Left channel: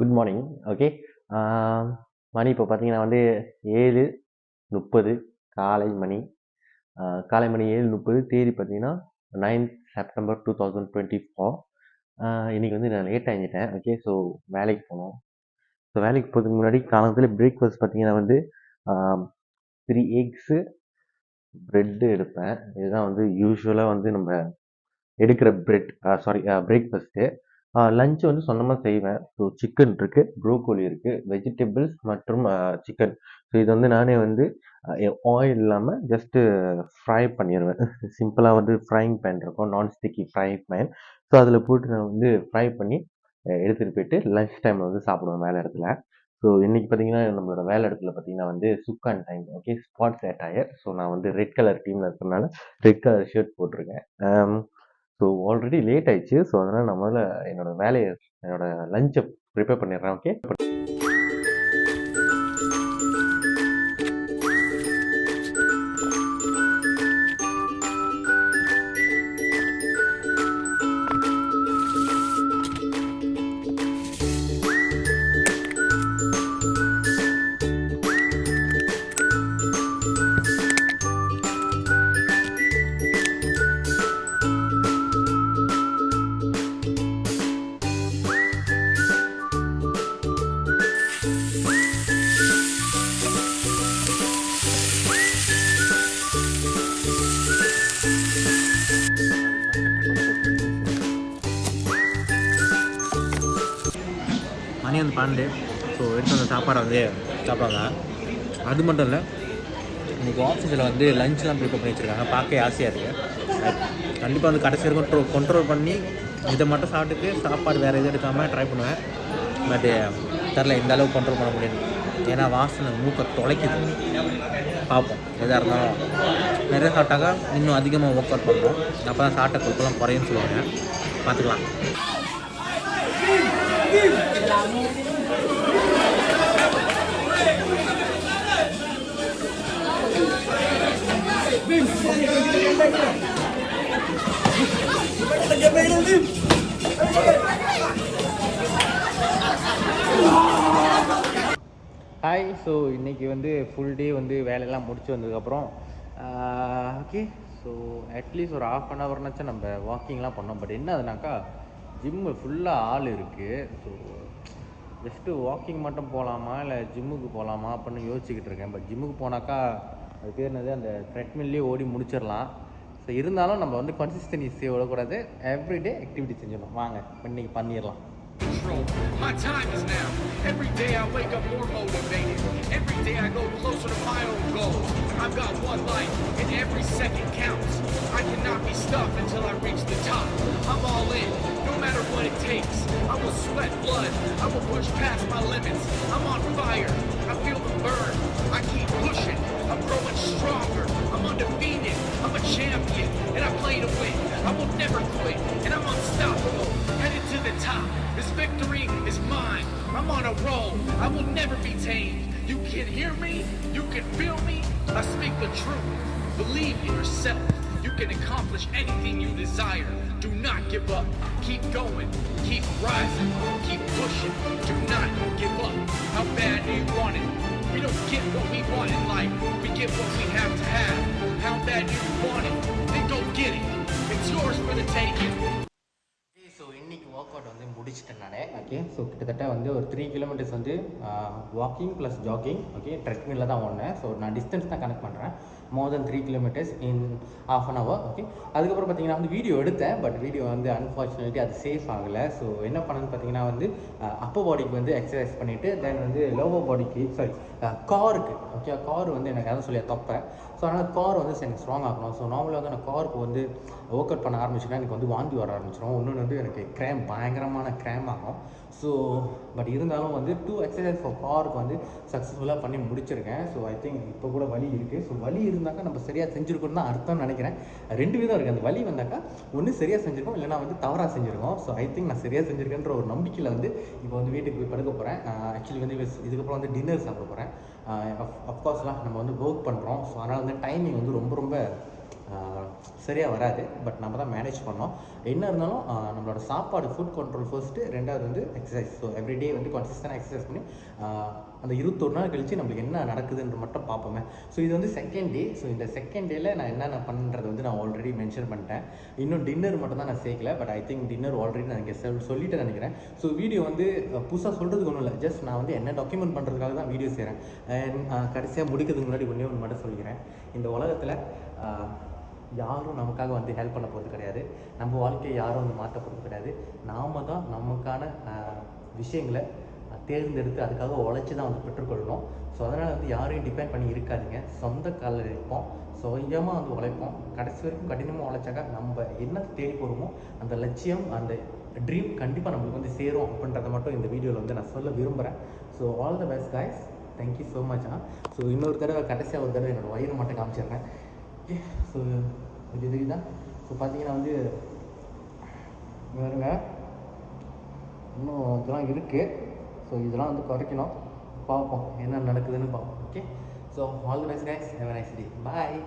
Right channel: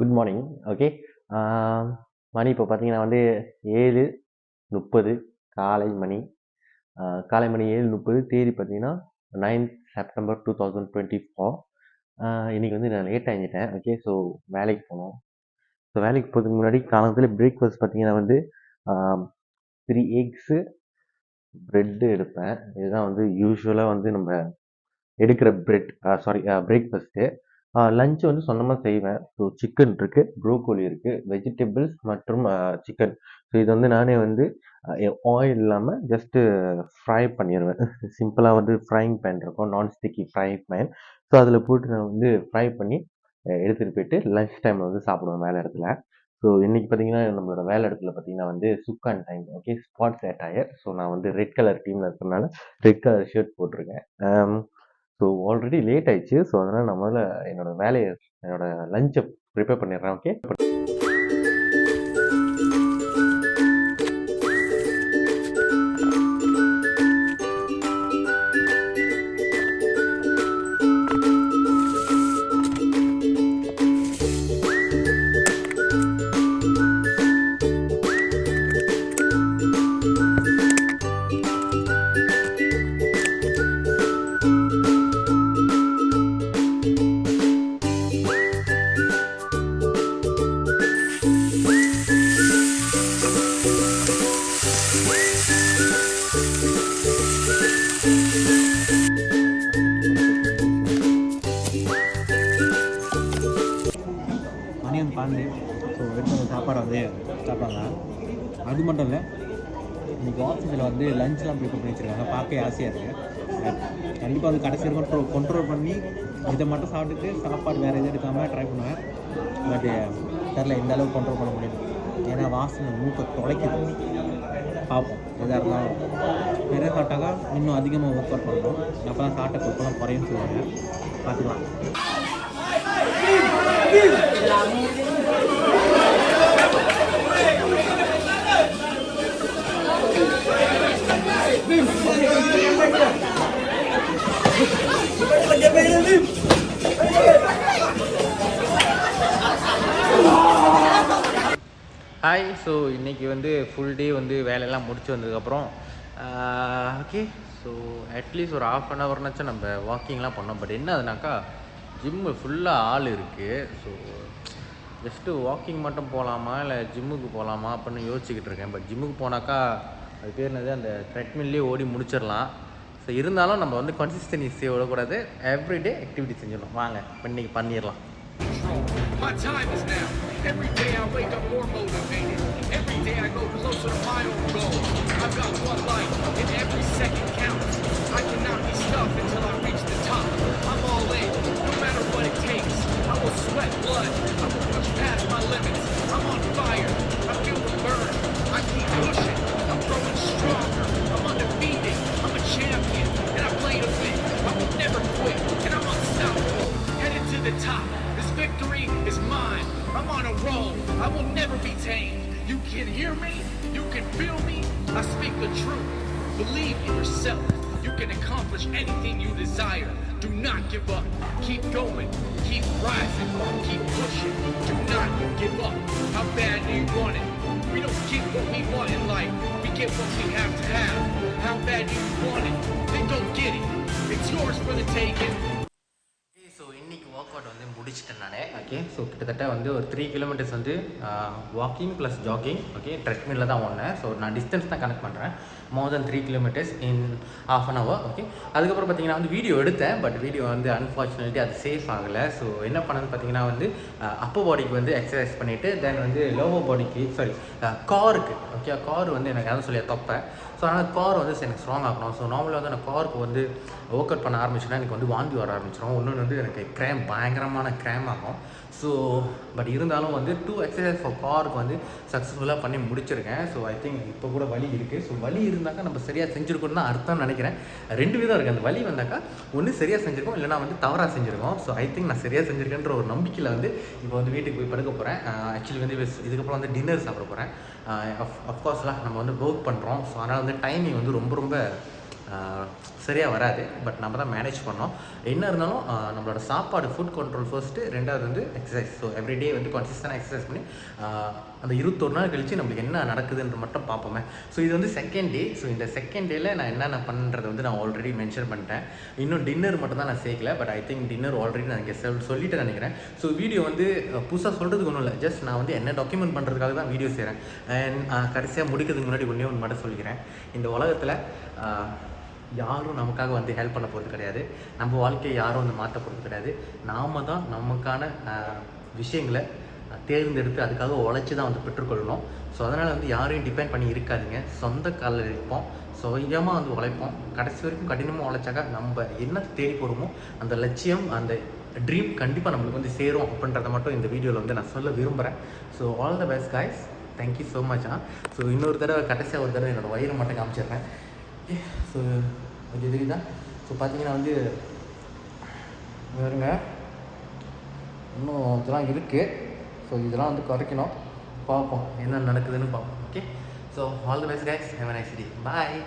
Good morning. Okay. ஆ மணி இப்போ பார்த்தீங்கன்னா வந்து 7:30 காலை மணி. காலை மணி 7:30 தேதி பார்த்தீங்கன்னா 9th செப்டம்பர் 2024. இன்னைக்கு வந்து நான் லேட் ஆகிட்டேன். ஓகே. ஸோ வேலைக்கு போகணும். ஸோ வேலைக்கு போகிறதுக்கு முன்னாடி காலத்தில் பிரேக்ஃபாஸ்ட் பார்த்தீங்கன்னா வந்து 3 எக்ஸு ப்ரெட்டு எடுப்பேன். இதுதான் வந்து யூஸ்வலாக வந்து நம்ம எடுக்கிற பிரேக்ஃபாஸ்ட்டு. லஞ்ச் வந்து சொந்தமாக செய்வேன். ஸோ சிக்கன் இருக்குது, ப்ரோக்கோலி இருக்குது, வெஜிடபிள்ஸ் மற்றும் சிக்கன். ஸோ இது வந்து நானே வந்து ஆயில் இல்லாமல் ஜஸ்ட்டு ஃப்ரை பண்ணிடுவேன். சிம்பிளாக வந்து ஃப்ரைங் பேன் இருக்கும், நான்ஸ்டிக்கி ஃப்ரைங் பேன். ஸோ அதில் போட்டு நான் வந்து ஃப்ரை பண்ணி எடுத்துகிட்டு போயிட்டு லஞ்ச் டைமில் வந்து சாப்பிடுவேன் வேலை இடத்துல. ஸோ இன்றைக்கி பார்த்தீங்கன்னா நம்மளோட வேலை இடத்துல பார்த்தீங்கன்னா வந்து சுக்கான் டைம். ஓகே, ஸ்பாட்ஸ் அட்டையர். ஸோ நான் வந்து ரெட் கலர் டீமில் இருக்கிறதுனால ரெட் கலர் ஷர்ட் போட்டிருக்கேன். ஸோ ஆல்ரெடி லேட் ஆயிடுச்சு. ஸோ அதனால் நான் முதல்ல என்னோட லஞ்சை ப்ரிப்பேர் பண்ணிடுறேன். ஓகே. மணி வந்து 12. ஸோ எடுத்து அந்த சாப்பாடை வந்து சாப்பிட்றாங்க. அது மட்டும் இல்லை, இன்றைக்கி ஆஃபீஸில் வந்து லஞ்செலாம் ப்ரிப்பேர் பண்ணி வச்சுருக்காங்க. பார்க்க ஆசையாக இருக்குது. கண்டிப்பாக வந்து கடைசி வரைக்கும் கண்ட்ரோல் பண்ணி இதை மட்டும் சாப்பிட்டுட்டு சாப்பாடு வேறு எதுவும் எடுக்காமல் ட்ரை பண்ணுவேன். பட்டு தெரில இந்த அளவுக்கு கண்ட்ரோல் பண்ண முடியாது. ஏன்னா வாசனை மூக்கை தொலைக்குது. பார்ப்போம், எதாக இருந்தாலும் நிறைய சாப்பிட்டாக்கா இன்னும் அதிகமாக ஒர்க் அவுட் பண்ணணும். அப்போ தான் சாப்பிட்ட கொழுப்பெல்லாம் குறையுன்னு சொல்லுவாங்க. பார்த்துக்கலாம். ஹாய். ஸோ இன்றைக்கி வந்து ஃபுல் டே வந்து வேலையெல்லாம் முடிச்சு வந்ததுக்கப்புறம் ஓகே. ஸோ அட்லீஸ்ட் ஒரு ½ அன் ஹவர்னாச்சும் நம்ம வாக்கிங்லாம் பண்ணோம். பட் என்ன அதுனாக்கா ஜிம்மு ஃபுல்லாக ஆள் இருக்குது. ஸோ ஜஸ்ட்டு வாக்கிங் மட்டும் போகலாமா இல்லை ஜிம்முக்கு போகலாமா அப்படின்னு யோசிச்சுக்கிட்டு இருக்கேன். பட் ஜிம்முக்கு போனாக்கா அது பேர் என்னது, அந்த த்ரெட்மில்லே ஓடி முடிச்சிடலாம். ஸோ இருந்தாலும் நம்ம வந்து கன்சிஸ்டன்சி விடக்கூடாது. எவ்ரிடே ஆக்டிவிட்டி செஞ்சிடணும். வாங்க இப்போ இன்றைக்கி பண்ணிடலாம். My time is now. Every day I wake up more motivated. Every day I go closer to my own goal. I've got one life and every second counts. I cannot be stopped until I reach the top. I'm all in, no matter what it takes. I will sweat blood, I will push past my limits. I'm on fire, I feel the burn. I keep pushing, I'm growing stronger. I'm undefeated, I'm a champion, and I play to win. I will never quit, and I'm unstoppable. Headed to the top. This victory is mine. I'm on a roll. I will never be tamed. You can hear me. You can feel me. I speak the truth. Believe in yourself. You can accomplish anything you desire. Do not give up. Keep going. Keep rising. Keep pushing. Do not give up. How bad do you want it? We don't get what we want in life. We get what we have to have. How bad do you want it? Then go get it. It's yours for the taking. So இன்றைக்கி work out வந்து முடிச்சிட்டேன் நான். Okay. So கிட்டத்தட்ட வந்து ஒரு 3 kilometres வந்து walking plus jogging. Okay, ட்ரெட்மில்ல தான் ஓடினேன். ஸோ நான் டிஸ்டன்ஸ் தான் கனெக்ட் பண்ணுறேன். மோர் தென் 3 kilometres in ½ an hour. Okay. அதுக்கப்புறம் பார்த்தீங்கன்னா வந்து வீடியோ எடுத்தேன். பட் வீடியோ வந்து அன்ஃபார்ச்சுனேட்லி அது சேஃப் ஆகலை. ஸோ என்ன பண்ணணும்னு பார்த்தீங்கன்னா வந்து அப்பர் பாடிக்கு வந்து எக்ஸசைஸ் பண்ணிவிட்டு தென் வந்து லோவர் பாடிக்கு காருக்கு. ஓகே, கார் வந்து எனக்கு எதாவது சொல்லி தப்பேன். ஸோ அதனால் கார் வந்து எனக்கு ஸ்ட்ராங் ஆகணும். ஸோ நார்மலாக வந்து நான் காருக்கு வந்து ஒர்க் அவுட் பண்ண ஆரம்பிச்சுன்னா எனக்கு வந்து வாந்தி வர ஆரம்பிச்சிடும். இன்னொன்று வந்து எனக்கு பயங்கரமான கிராம் ஆகும். ஸோ பட் இருந்தாலும் வந்து 2 எக்ஸசைஸ் ஃபார் காருக்கு வந்து சக்ஸஸ்ஃபுல்லாக பண்ணி முடிச்சிருக்கேன். ஸோ ஐ திங்க் இப்போ கூட வலி இருக்குது. ஸோ வலி இருந்தாக்கா நம்ம சரியாக செஞ்சுருக்கோன்னு தான் அர்த்தம் நினைக்கிறேன். 2 விதம் இருக்குது. அந்த வலி வந்தாக்கா ஒன்று சரியாக செஞ்சுருக்கோம், இல்லைனா வந்து தவறாக செஞ்சுருக்கோம். ஸோ ஐ திங்க் நான் சரியாக செஞ்சுருக்கேன்ற ஒரு நம்பிக்கையில் வந்து இப்போ வந்து வீட்டுக்கு போய் படுக்க போகிறேன். ஆக்சுவலி வந்து இதுக்கப்புறம் வந்து டின்னர் சாப்பிட போகிறேன். அஃப்கோர்ஸ்லாம் நம்ம வந்து ஒர்க் பண்ணுறோம். ஸோ அதனால் வந்து டைமிங் வந்து ரொம்ப சரியாக வராது. பட் நம்ம தான் மேனேஜ் பண்ணோம். என்ன இருந்தாலும் நம்மளோட சாப்பாடு ஃபுட் கண்ட்ரோல் ஃபர்ஸ்ட்டு, ரெண்டாவது வந்து எக்ஸசைஸ். ஸோ எவ்ரிடே வந்து கன்சிஸ்டண்டாக எக்ஸசைஸ் பண்ணி அந்த 21 நாள் கழித்து நம்மளுக்கு என்ன நடக்குதுன்ற மட்டும் பார்ப்போமே. ஸோ இது வந்து செகண்ட் டே. ஸோ இந்த செகண்ட் டேயில் நான் என்னென்ன பண்ணுறது வந்து நான் ஆல்ரெடி மென்ஷன் பண்ணிட்டேன். இன்னும் டின்னர் மட்டும் தான் நான் சேர்க்கல. But I think dinner already நான் இங்கே சொல்லிட்டு நினைக்கிறேன். ஸோ வீடியோ வந்து புதுசாக சொல்கிறதுக்கு ஒன்றும் இல்லை. ஜஸ்ட் நான் வந்து என்ன டாக்குமெண்ட் பண்ணுறதுக்காக தான் வீடியோ செய்கிறேன். அண்ட் கடைசியாக முடிக்கிறதுக்கு முன்னாடி ஒன்றே ஒன்று மட்டும் சொல்லிக்கிறேன். இந்த உலகத்தில் யாரும் நமக்காக வந்து ஹெல்ப் பண்ண போகிறது கிடையாது. நம்ம வாழ்க்கையை யாரும் வந்து மாற்ற போகிறது கிடையாது. நாம் தான் நமக்கான விஷயங்களை தேர்ந்தெடுத்து அதுக்காக உழைச்சி தான் வந்து பெற்றுக்கொள்ளணும். ஸோ அதனால் வந்து யாரையும் டிபெண்ட் பண்ணி இருக்காதிங்க. சொந்த காலில் இருப்போம், சுயமாக வந்து உழைப்போம். கடைசி வரைக்கும் கடினமாக உழைச்சாக்கா நம்ம என்ன தேடி போகிறோமோ அந்த லட்சியம், அந்த ட்ரீம் கண்டிப்பாக நம்மளுக்கு வந்து சேரும் அப்படின்றத மட்டும் இந்த வீடியோவில் வந்து நான் சொல்ல விரும்புகிறேன். So all the best guys. Thank you so much. So இன்னொரு தடவை கடைசியாக ஒரு தடவை என்னோடய வயிறு மட்டும் காமிச்சிடுறேன். ஸோ இது இதுதான். ஸோ பார்த்தீங்கன்னா வந்து வருங்க, இன்னும் இதெல்லாம் இருக்குது. ஸோ இதெல்லாம் வந்து குறைக்கணும். பார்ப்போம் என்ன நடக்குதுன்னு பார்ப்போம். Okay, so all the best guys. Have a nice day. Bye.